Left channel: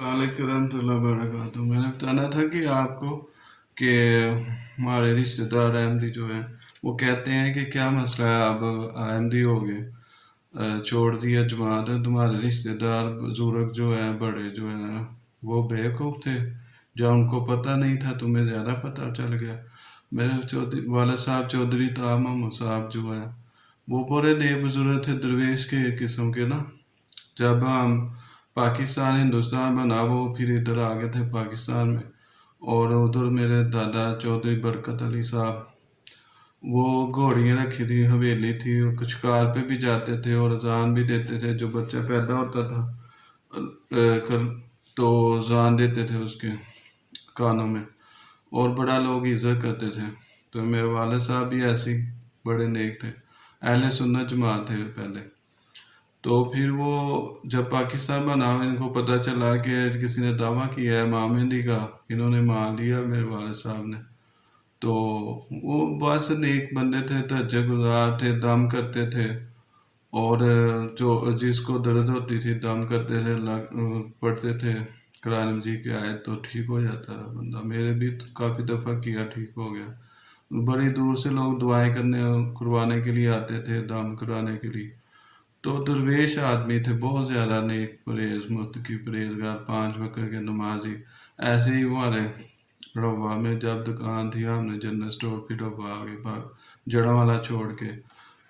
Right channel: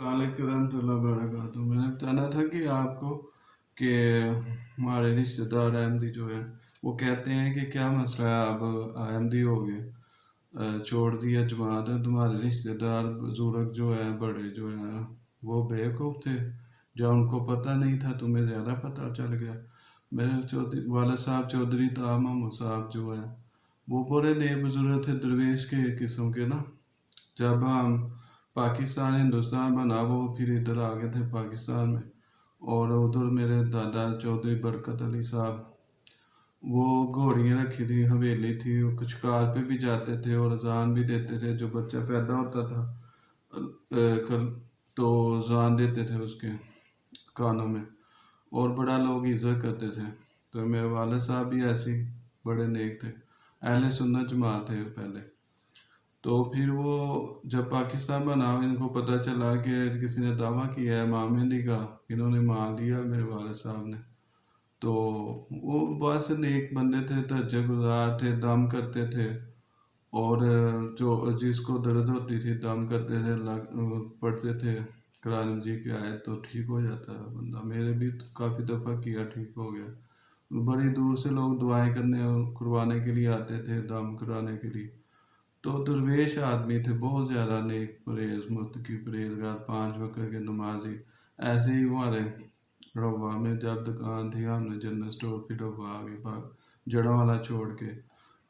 वालेकुम वरहमतुल्लाहि। मैंने बताना था कि आपको कि हमारे रिश्तेदार अहमदी जो हैं वो कहते हैं कि क्या मसला है, आप अहमदी हो गए, छोड़ दिया जमात। तुम्हारे रिश्तेदार बुजुर्ग जो हैं, बड़े जो हैं, वो बेवकूफ़ थे, जो उनको पता नहीं था, तुम्हें ज़्यादा पता चल गया। मेरे चौधरी वाले साहब चौधरी ताब मोहम्मद साहब जो है वो बड़े नेक बुजुर्ग थे, दरवेश के किस्म के ना। जब हम पाकिस्तान हिंदुस्तान बना वो फिर इधर आ गए थे पाकिस्तान में। और उधर मेरे दादा चौधरी बरकत अली साहब, वो घोड़ियाँ रखी थी, हवेली थी, वो शिकार पे भी जाते थे और अजान भी देते थे। जो बच्चा पैदा होता था तो अजान देते थे उसके कानों में, और बड़ा लोग इज्जत करते थे। तो मेरे वाले साहब भी ऐसे ही बड़े नेक थे, अहले सुन्नत जमात थे पहले। तो फिर वो जब पाकिस्तान बना, इनको पता चला कि किसी ने दावा किया है इमाम मेहंदी का, इन्होंने मान लिया मेरे वाले साहब ने। तो वो बस नेक बंदे थे, तहज्जुद गुजार थे, दम करते थे। और जो जिसको दर्द होती थी दम करते थे, पढ़ते थे कुरान मजीद की आयत, तो ठीक हो जाता था बंदा। मेरे भी तो काफ़ी दफ़ा किया, ठीक हो गया। बड़ी दूर से लोग दुआएं करने करवाने के लिए आते थे, दम कराने के लिए। तो दरवेश आदमी थे, बहुत ज़्यादा नेक, परहेज मुत्तकी, परहेजगार, 5 वक्त के नमाजी। ऐसे ही हमारे रवा में जब दुकान थी, हमने जनरल स्टोर, फिर रवा आगे जड़ा वाला छोड़ के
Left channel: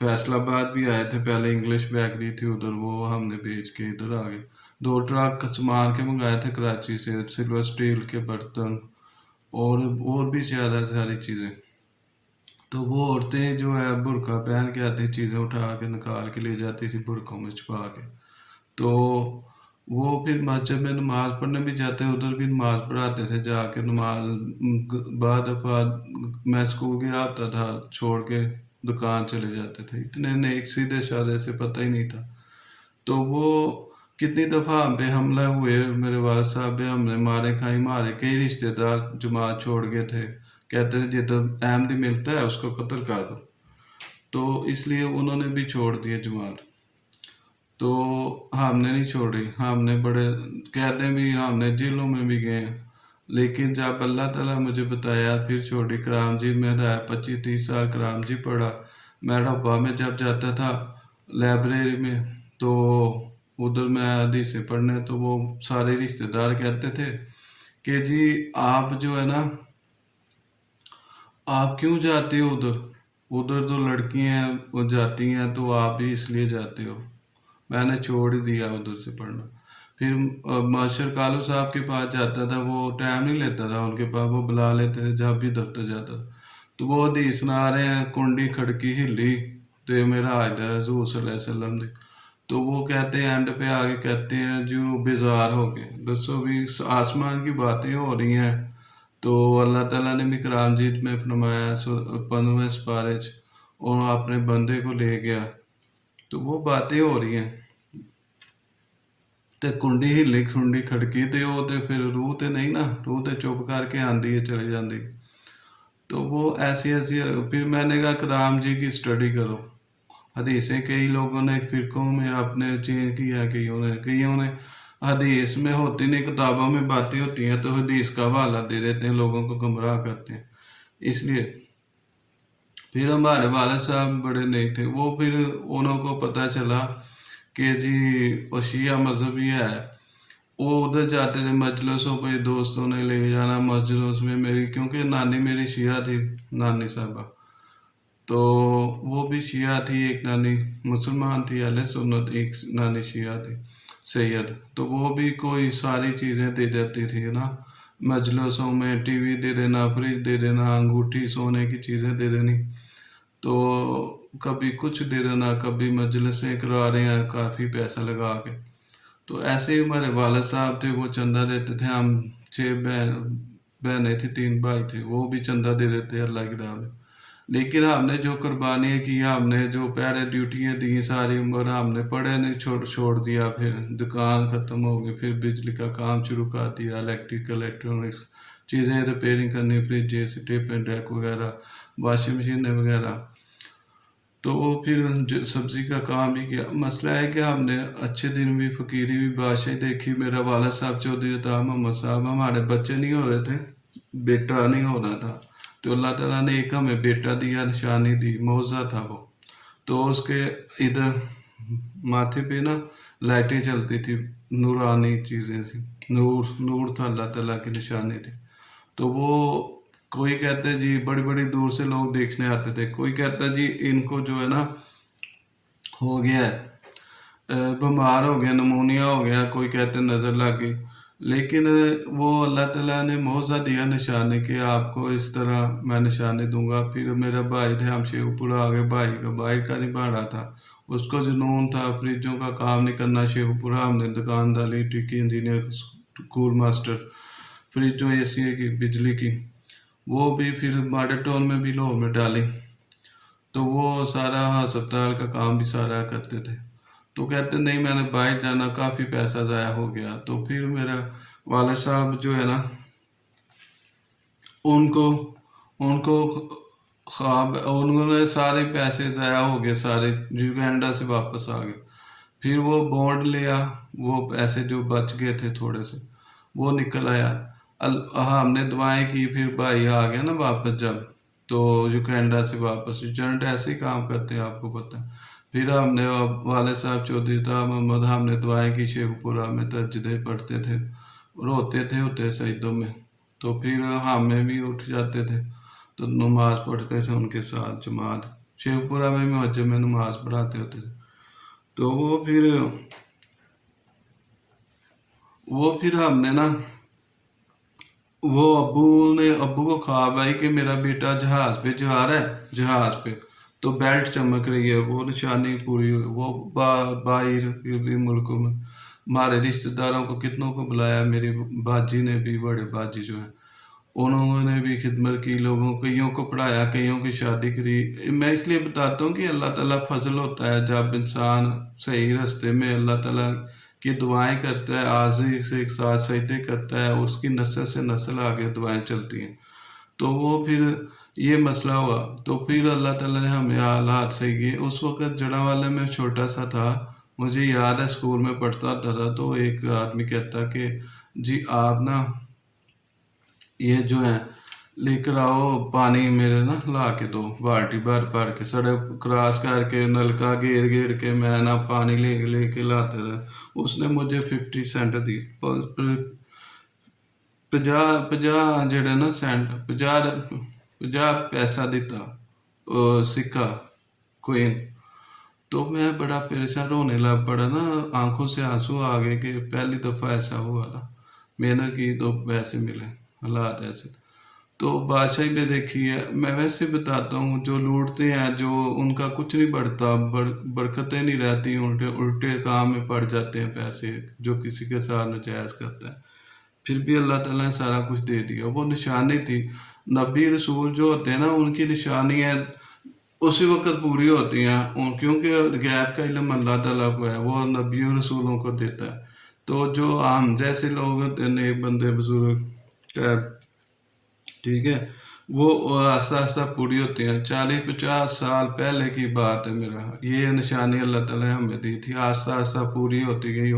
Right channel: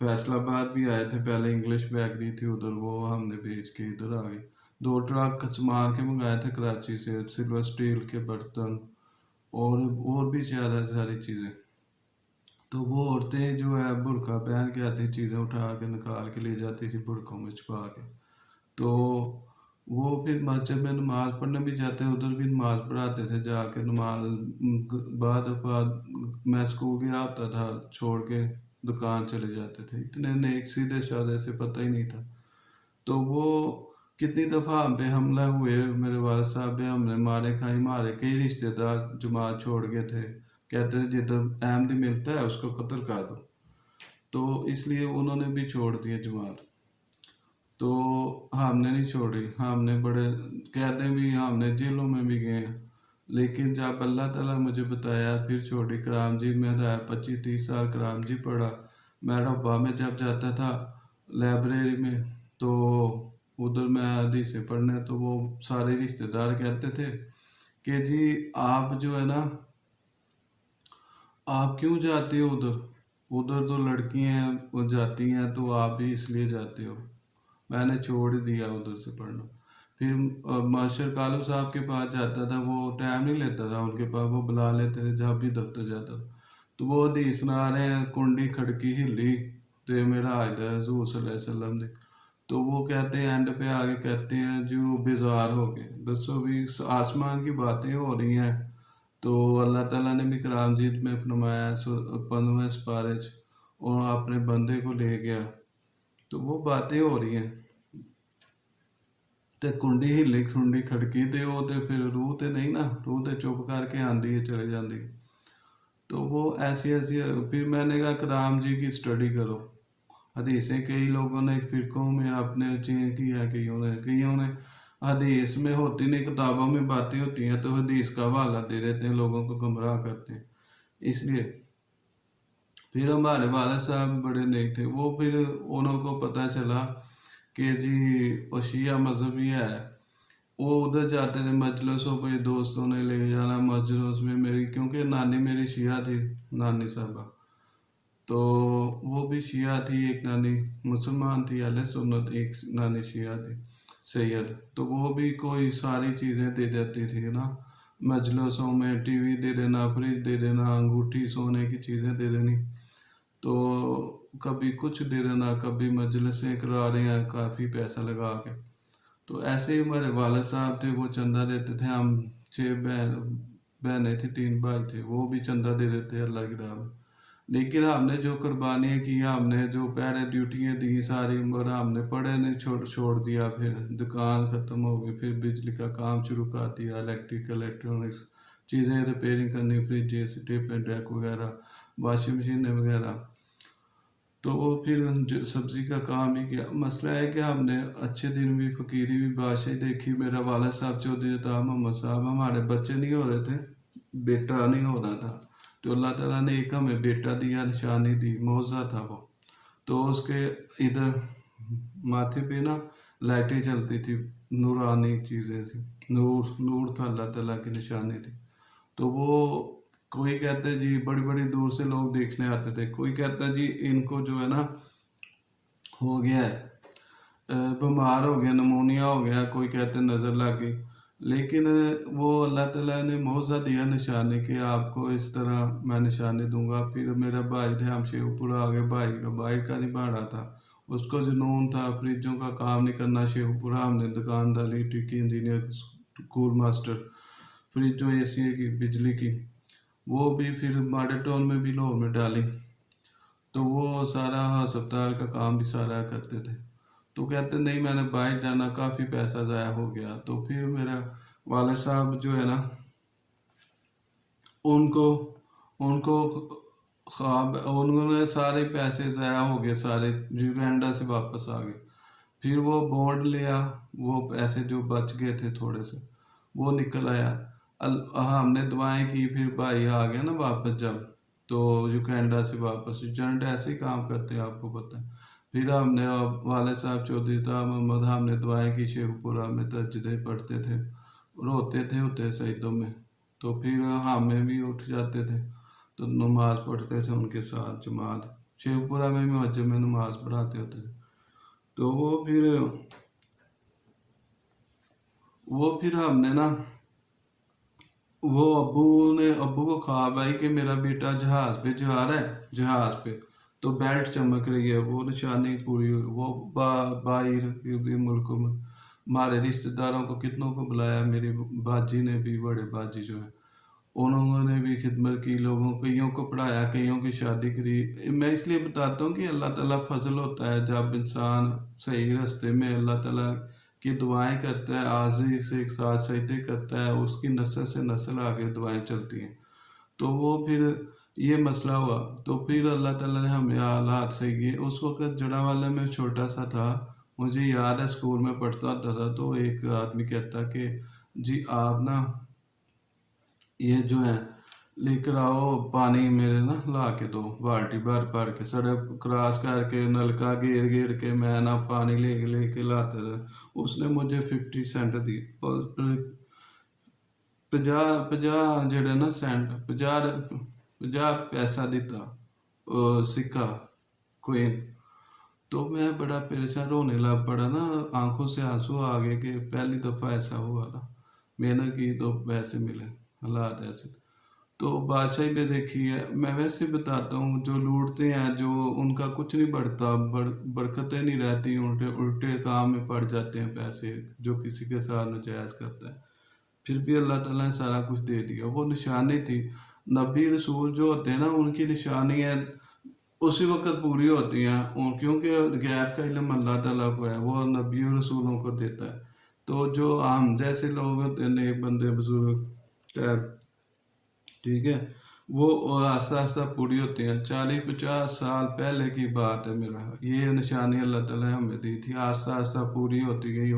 फैसलाबाद भी आए थे। पहले इंग्लिश बेकरी थी उधर, वो हमने बेच के इधर आ गए। 2 ट्रक सामान के मंगाए थे कराची से, सिल्वर स्टील के बर्तन और भी ज़्यादा सारी चीज़ें। तो वो औरतें जो है बुर्का पहन के आती, चीज़ें उठा के निकाल के ले जाती थी बुर्कों में छुपा के। तो वो फिर मस्जिद में नमाज पढ़ने भी जाते, उधर भी नमाज पढ़ाते थे जाके। नमाज बाद दफ़ा मैं स्कूल गया होता था, छोड़ के दुकान चले जाते थे। इतने नेक सीधे साधे से, पता ही नहीं था। तो वो कितनी दफ़ा हम पे हमला हुए, मेरे वाल साहब पे हमने मारे खाई, मारे कई रिश्तेदार जमात छोड़ गए थे। कहते थे जिधर अहमदी मिलता है उसको कत्ल कर दो। तो इसलिए उन्होंने भी छोड़ दिए जमात। तो हमने नहीं छोड़ी, हमने बड़े कैदें भी, हमने जेलों में भी गए। लेकिन जब अल्लाह ताला मुझे बताया फिर छोड़ी। कराम जी में रहा 25-30 साल, कराम जी पढ़ा। मैं डब्बा में जब जाता था लाइब्रेरी में, तो उधर मैं हदीसें पढ़ने, तो वो सारे रिश्तेदार कहते थे कि जी आप जो है ना, आप क्यों जाते हो उधर, उधर तो लड़कियां वो जाती हैं, तो आप भी इसलिए जाते हो। मैंने छोड़ ही दिया उधर से पढ़ना। फिर मास्टर कालू साहब के पास जाता था, वो टाइम नहीं लेता था उनके पास, वो बुला लेते थे जब भी दफ्तर जाता था। तो वो हदीस सुना रहे हैं, कुंडी खड़की हिली तो मेरा आयदा हजूर सल्लल्लाहु अलैहि वसल्लम ने। तो वो कहते हैं एंड पे आगे कहते हैं जो बेजार हो गए। दसो भी आसमान की बातें हो रही हैं, तो अल्लाह ताला ने भी कुरान मजीद में फरमाया 15वें सिपारे च, और अपने बंदे को ले गया। तो वो बातें हो रही हैं, ਤੇ ਕੁੰਡੀ ਹਿੱਲੀ ਖੁੰਡੀ ਖੜਕੀ ਤੇ ਉਹ ਤੇ फिर रूह ਤੇ नहीं ना, रूह ਤੇ चुप करके आंदी है, चले जाती। तो वो ऐसी ऐसी फिर मैंने कहा कलाम जी की स्टडी करो। हदीसें कई लोगों ने फिरकों में अपने चेंज किया, कईयों ने हदीस में होती नहीं, किताबों में बातें होती हैं, तो हदीस का हवाला दे देते हैं, लोगों को गुमराह करते हैं। इसलिए फिर हमारे वाले साहब बड़े नहीं थे, वो फिर उनको पता चला कि जी वो शिया मजहबी है। वो उधर जाते थे मजलिसों पे, दोस्तों ने ले जाना मजलिस में मेरी, क्योंकि नानी मेरी शिया थी, नानी साहबा। तो वो भी शिया थी, एक नानी मुसलमान थी अहले सुन्नत, एक नानी शिया थी सैयद। तो वो भी कोई सारी चीज़ें दे देती थी ना, मजलिसों में टीवी दे देना, फ्रिज दे देना, अंगूठी सोने की चीज़ें दे देनी। तो कभी कुछ दे देना, कभी मजलिसें करा रहे हैं काफ़ी पैसा लगा के। तो ऐसे ही हमारे वाला साहब थे, वो चंदा देते थे। हम 6 बहनें थी, 3 भाई थे, वो भी चंदा दे देते अल्लाह की राह में। लेकिन हमने जो कुर्बानियाँ की, हमने जो पहले ड्यूटियाँ दी, सारी उम्र हमने पढ़े नहीं, छोड़ छोड़ दिया। फिर दुकान ख़त्म हो गई, फिर बिजली का काम शुरू कर दिया, इलेक्ट्रिकल इलेक्ट्रॉनिक्स चीज़ें रिपेयरिंग करनी, फ्रिज जैसे टेप एंड डेक वगैरह, वाशिंग मशीन वगैरह। تو وہ پھر سبزی کا کام ہی کیا. مسئلہ ہے کہ ہم نے اچھے دن بھی فقیری بھی بادشاہی دیکھی. میرا والد صاحب چودھری عطا محمد صاحب، ہمارے بچے نہیں ہو رہے تھے، بیٹا نہیں ہو رہا تھا، تو اللہ تعالیٰ نے ایک ہمیں بیٹا دیا، نشانی دی، معجزہ تھا وہ. تو اس کے ادھر ماتھے پہ نا لائٹیں چلتی تھی، نورانی چیزیں سی، نور تھا، اللہ تعالیٰ کی نشانی تھی. تو وہ کوئی کہتے ہیں جی بڑی بڑی دور سے لوگ دیکھنے آتے تھے، کوئی کہتا ہے جی ان کو جو ہے نا ہو گیا ہے، بیمار ہو گیا، نمونیا ہو گیا، کوئی کہتے ہیں نظر لگ گئی. لیکن وہ اللہ تعالیٰ نے معجزہ دیا نشانی کہ آپ کو اس طرح میں نشانی دوں گا. پھر میرا بھائی تھے، ہم شیو پورا آگے، بھائی کا نہیں پڑھا تھا، اس کو جنون تھا فریجوں کا کام نہیں کرنا. شیو پورا ہم نے دکانداری، ٹکی انجینئر، اسکول ماسٹر، فریجوں اے سی کی، بجلی کی، وہ بھی پھر ماڈل ٹاؤن میں بھی لاہور میں ڈالی. تو وہ سارا ہسپتال کا کام بھی سارا کرتے تھے. تو کہتے نہیں میں نے باہر جانا، کافی پیسہ ضائع ہو گیا. تو پھر میرا والد صاحب جو ہے نا، ان کو خواب، انہوں نے سارے پیسے ضائع ہو گئے، سارے یوگینڈا سے واپس آ گئے. پھر وہ بونڈ لیا، وہ پیسے جو بچ گئے تھے تھوڑے سے وہ نکل آیا. ہم نے دعائیں کی، پھر بھائی آ گیا نا واپس جب، تو یوگینڈا سے واپس، ایجنٹ ایسے ہی کام کرتے ہیں آپ کو پتہ ہے. پھر ہم نے والد صاحب چودھری عطا محمد، ہم نے دعائیں کی، شیخ پورہ میں تہجدیں پڑھتے تھے، روتے تھے سجدوں میں. تو پھر ہمیں بھی اٹھ جاتے تھے تو نماز پڑھتے تھے ان کے ساتھ جماعت. شیخ پورہ میں مسجد میں نماز پڑھاتے ہوتے تھے. تو وہ پھر ہم نے نا، وہ ابو کو خواب آئی کہ میرا بیٹا جہاز پہ جا رہا ہے، جہاز پہ تو بیلٹ چمک رہی ہے، وہ نشانی پوری ہوئی. وہ باہر بھی ملکوں میں ہمارے رشتہ داروں کو کتنوں کو بلایا، میری باجی نے بھی، بڑے باجی جو ہے انہوں نے بھی خدمت کی، لوگوں کئیوں کو پڑھایا، کئیوں کی شادی کری. میں اس لیے بتاتا ہوں کہ اللہ تعالیٰ فضل ہوتا ہے جب انسان صحیح راستے میں اللہ تعالیٰ کی دعائیں کرتا ہے، عاجزی سے ایک ساتھ سجدے کرتا ہے، اس کی نسل سے نسل آگے دعائیں چلتی ہیں. تو وہ پھر یہ مسئلہ ہوا. تو پھر اللہ تعالیٰ نے ہمیں حالات صحیح کیے. اس وقت جڑاں میں چھوٹا سا تھا، مجھے یاد ہے اسکول میں پڑھتا ہوتا تھا. تو ایک آدمی کہتا کہ جی آپ نا یہ جو ہے لے کر آؤ پانی، میرے نا لا کے دو، بالٹی بھر کے، سڑک کراس کر کے نلکا گیر کے میں نا پانی لے کے لاتا رہا. اس نے مجھے 50 سینٹ دی، 50 جڑے نا سینٹ، 50 پیسہ دیتا سکہ کوئن. تو میں بڑا پریشان، رونے لگ پڑا نا، آنکھوں سے آنسو آ گئے کہ پہلی دفعہ ایسا ہوا نا، محنت کی تو پیسے ملے، حالات ایسے. تو بادشاہی بھی دیکھی ہے. میں ویسے بتاتا ہوں، جو لوٹتے ہیں، جو ان کا کچھ نہیں بڑھتا، برکتیں نہیں رہتی، الٹے کام میں پڑ جاتے ہیں پیسے، جو کسی کے ساتھ ناجائز کرتا ہے. پھر بھی اللہ تعالیٰ نے سارا کچھ دے دیا. وہ نشانی تھی. نبی رسول جو ہوتے ہیں نا، ان کی نشانیاں اسی وقت پوری ہوتی ہیں، کیونکہ غیب کا علم اللہ تعالیٰ کو ہے، وہ نبی و رسولوں کو دیتا ہے. تو جو عام جیسے لوگ ہوتے ہیں، نیک بندے، بزرگ، ٹھیک ہے، وہ آہستہ آہستہ پوری ہوتی ہیں. 40-50 سال پہلے کی بات ہے. میرا یہ نشانی اللہ تعالیٰ نے ہمیں دی تھی، آہستہ آہستہ پوری ہوتی گئی.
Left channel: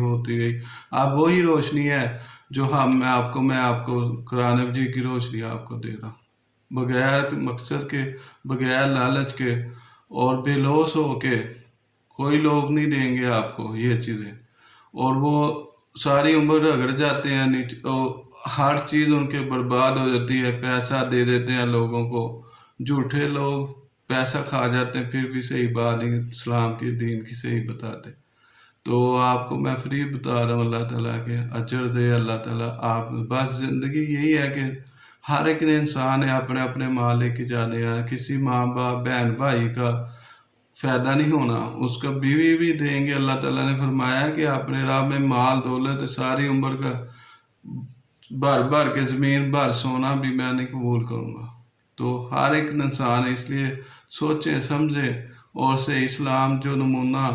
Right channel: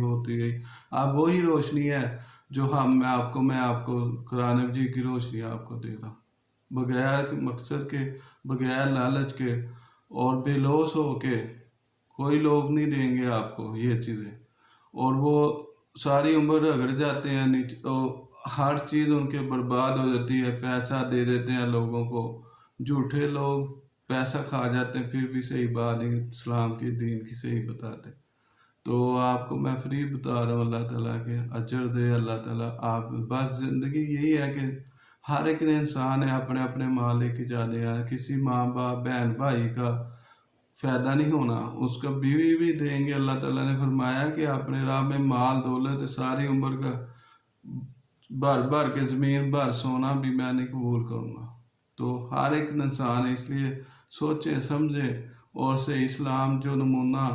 اب وہی روشنی ہے جو میں آپ کو قرآن مجید کی روشنی آپ کو دے رہا ہوں، بغیر مقصد کے، بغیر لالچ کے، اور بے لوث ہو کے. کوئی لوگ نہیں دیں گے آپ کو یہ چیزیں، اور وہ ساری عمر رگڑ جاتے ہیں، ہر چیز ان کے برباد ہو جاتی ہے. پیسہ دے دیتے ہیں لوگوں کو، جھوٹے لوگ پیسہ کھا جاتے ہیں، پھر بھی صحیح بات نہیں، اسلام کے دین کی صحیح بتاتے. تو آپ کو میں فری بتا رہا ہوں، اللہ تعالیٰ کے اجر دے اللہ تعالیٰ. آپ بس زندگی یہی ہے کہ ہر ایک انسان ہے اپنے اپنے ماں لے کے جانے ہیں. کسی ماں باپ بہن بھائی کا فائدہ نہیں ہونا، اس کا بیوی بھی دیں گے. اللہ تعالیٰ نے فرمایا کہ اپنے راہ میں مال دولت ساری عمر کا بھر کے زمین بھر سونا بھی میں نہیں قبول کروں گا. تو ہر ایک انسان ہے، اس لیے سوچے سمجھے، اور سے اسلام جو نمونہ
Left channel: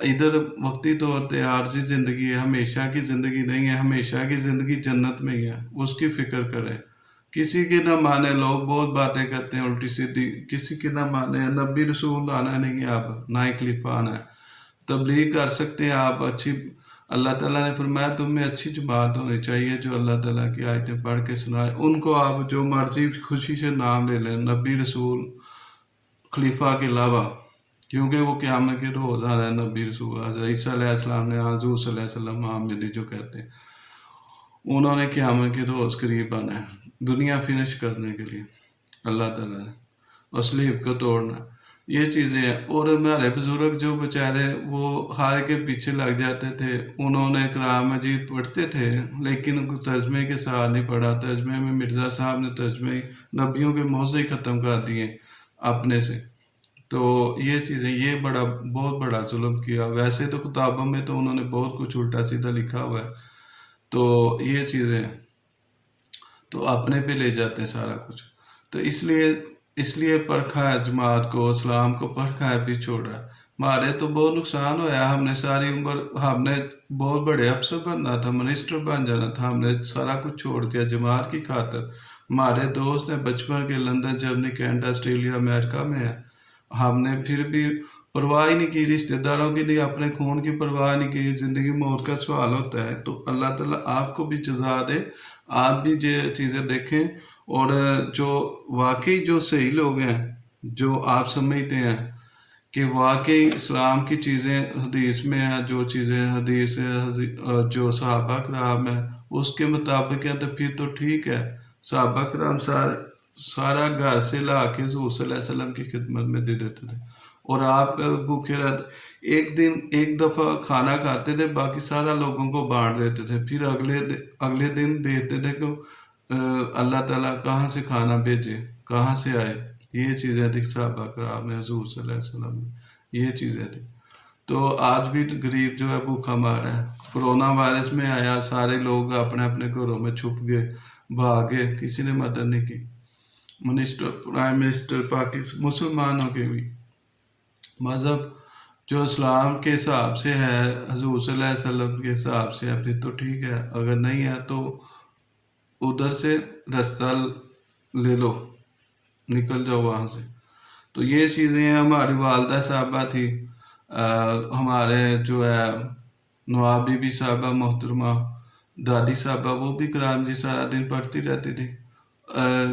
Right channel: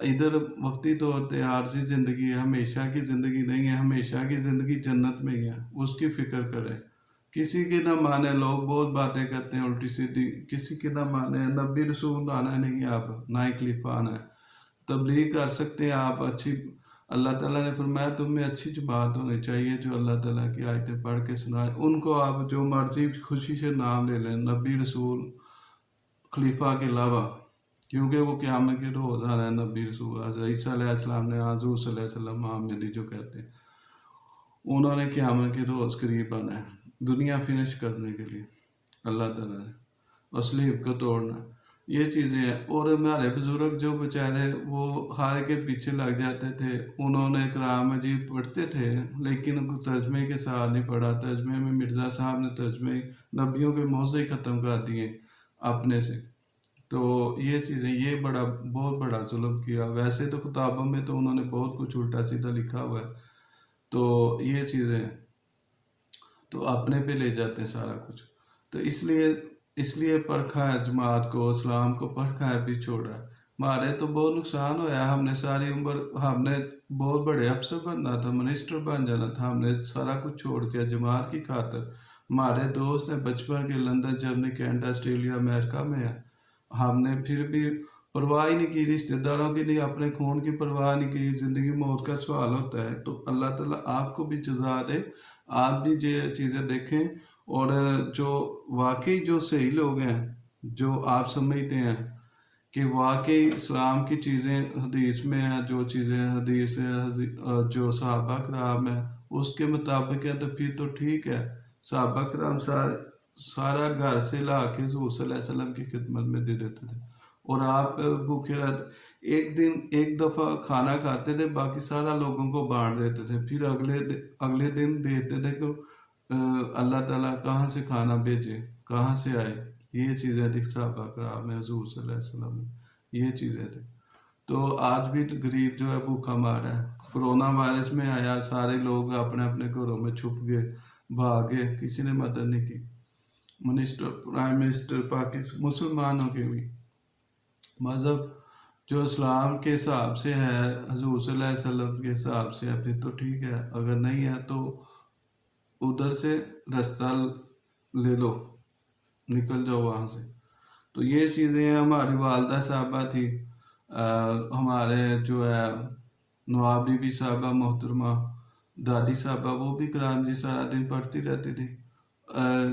ادھر وقتی طور پہ عارضی زندگی ہے، ہمیشہ کی زندگی نہیں ہے. ہمیشہ کی زندگی جنت میں ہی ہے، اس کی فکر کریں. किसी की ना माने, लोग बहुत बातें करते हैं उल्टी सीधी, किसी की ना माने। नबी रसूल आना नहीं है, आप ना ही खलीफा आना है। तबलीग कर सकते हैं आप अच्छी, अल्लाह ताला ने फरमाया तुम्हें अच्छी जमात होनी चाहिए जो अल्लाह ताला की आयतें पढ़ के सुनाए, उनको आप जो मर्जी खुशी से नाम ले लें, नबी रसूल खलीफा के अलावा, क्योंकि वो क़यामत के रोज़ आना है। नबी रसूल हज़रत ईसा अलैहिस्सलाम ने हज़ूर सल्लल्लाहु अलैहि वसल्लम आमिदी जो कहते हैं, उन्होंने क़यामत के रोज़ करीब आना है दुनिया फिनिश करने के लिए, अल्लाह ताला ने, और सलीब को तोड़ना, ये चीज़ें हैं। और हमारे बुज़ुर्ग जो बेचारे वो हार के पीछे लग जाते थे, उन्होंने कुरान मजीद पढ़ते थे लेकिन तर्जमे के साथ नहीं पढ़ा। तर्जमे में मिर्ज़ा साहब ने तर्जमे नबियों के मुँह से ही ख़त्म कर दिए अपने से। तो ये चीज़ें, ये बड़ा बहुत बड़ा जुल्म किया। वैसे तो किताबों में तो उन्होंने बहुत कुछ उल्टा सीधा लिखा हुआ है, तो ये चीज़ें तो अपने पे ले जाते हैं सारा कुछ। तो इसलिए परखा है जमात को, इस्लाम को परखा है, भी छोड़ा है। हमारे तो बहुत नुकसान होया, हमने सारी उम्र, हमने बहुत बड़े अफसर बनना था, मिनिस्टर बन जाना था, हमने सारा कुछ छोड़ दिया जमात की खातर। हमारे दोस्त हैं बचपन के, London, Germany, Canada, Australia, America में है, हमने फिर भी परवाह ही नहीं की, रिश्तेदारों की नहीं, अपने खून की परवाह नहीं की। ज़िंदगी मौत का सवाल होता है, तो अल्लाह ताला आपको भी जज़ा दे, आप भी ये चीज़ें देखें। और जो वाकई जो सही लोग हैं, जो आप समझते हैं कि वाकई इस्लाम की चीज़ें हदीस में हैं, जो चीज़ें हदीस जो सहाबा कराम है उसके मुताबिक है, तो फिर तो ठीक है। सहाबा कराम सारा घर से ला के हज़ूर सल्लल्लाहु अलैहि वसल्लम की खिदमत में दे देते थे, और आप भूखे रहते। एक दिन एक दफ़ा खाना खाते थे, बाकी सारा लोगों को बांट देते थे, फिर अगले दिन देखते थे कि अल्लाह ताला कहाँ से खाना भेजे, कहाँ से आए। ये चीज़ें थी सहाबा कराम में, हज़ूर सल्लल्लाहु अलैहि वसल्लम में, ये चीज़ें थी। तो आज भी गरीब जो है भूखा मारा है। कोरोना वायरस में आया, सारे लोग अपने अपने घरों में छुप गए, भागे, किसी ने मदद नहीं की। मिनिस्टर, प्राइम मिनिस्टर पाकिस्तान, मुसलमानों के भी मज़हब जो इस्लाम के हिसाब से है, हज़ूर सल्लल्लाहु अलैहि वसल्लम के हिसाब से है, फिर तो ठीक है। अगर नहीं है तो उधर से रास्ता ले लो, निकल जाओ वहाँ से। तो ये चीज़ें हैं। हमारी वालदा साहबा थी, हमारे जो है नवाब बीबी साहबा मोहतरमा, दादी साहबा, वो भी कुरान जी सारा दिन पढ़ती रहती थी,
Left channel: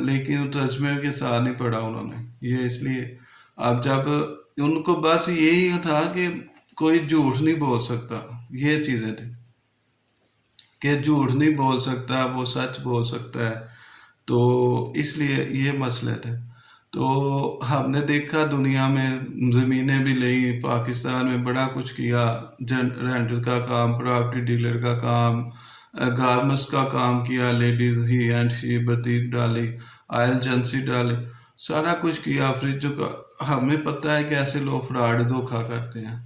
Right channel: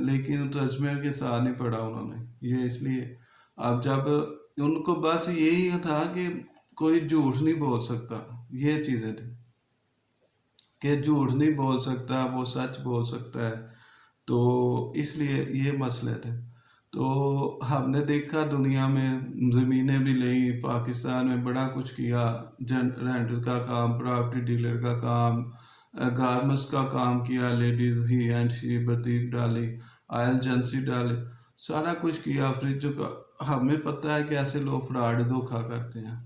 लेकिन तस्वीर के साथ नहीं पढ़ा उन्होंने। ये इसलिए अब जब उनको बस यही था कि कोई झूठ नहीं बोल सकता, ये चीज़ें थी कि झूठ नहीं बोल सकता, वो सच बोल सकता है। तो इसलिए ये मसले थे। तो हमने देखा दुनिया में ज़मीनें भी ली, पाकिस्तान में बड़ा कुछ किया, रेंटल का काम, प्रॉपर्टी डीलर का काम, गारमेंट्स का काम किया, लेडीज़ ही एंड शी बतीक डाली, ऑयल एजेंसी डाली, सारा कुछ किया। फ्रिज का हमें पता है कि ऐसे लोग फ्रॉड धोखा करते हैं,